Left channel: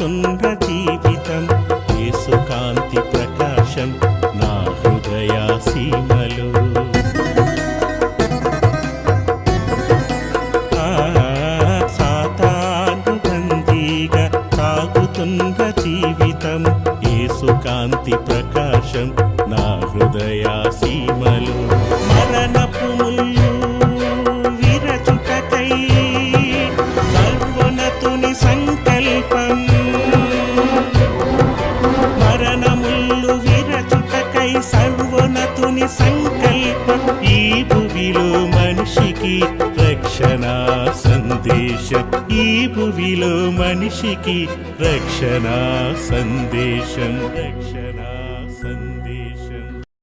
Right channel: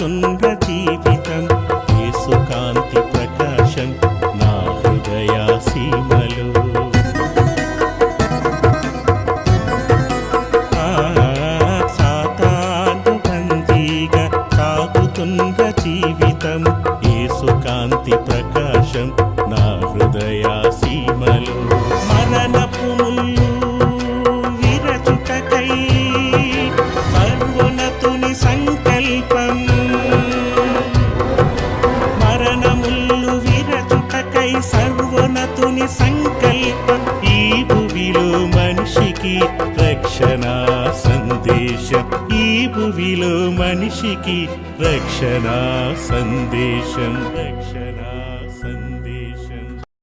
సాగుతున్న జీవితం యేసు కాంతి ప్రకాశం నా హృదయ సీమలో. సాతాను బందీగా సాగుతున్న జీవితం యేసు కాంతి ప్రకాశం నా హృదయ సీమలో. మరణపు ముళ్ళు విరచుటకై సర్వోన్నతుని సంకల్పం, మరణముళ్ళు విరచుటకై సర్వోన్నతుని సంకల్పం. ఈ భువిలో మనిషికి రక్షణ సందేశం, ఈ భువిలో మనిషికి రక్షణ సందేశం, రక్షణ సందేశం.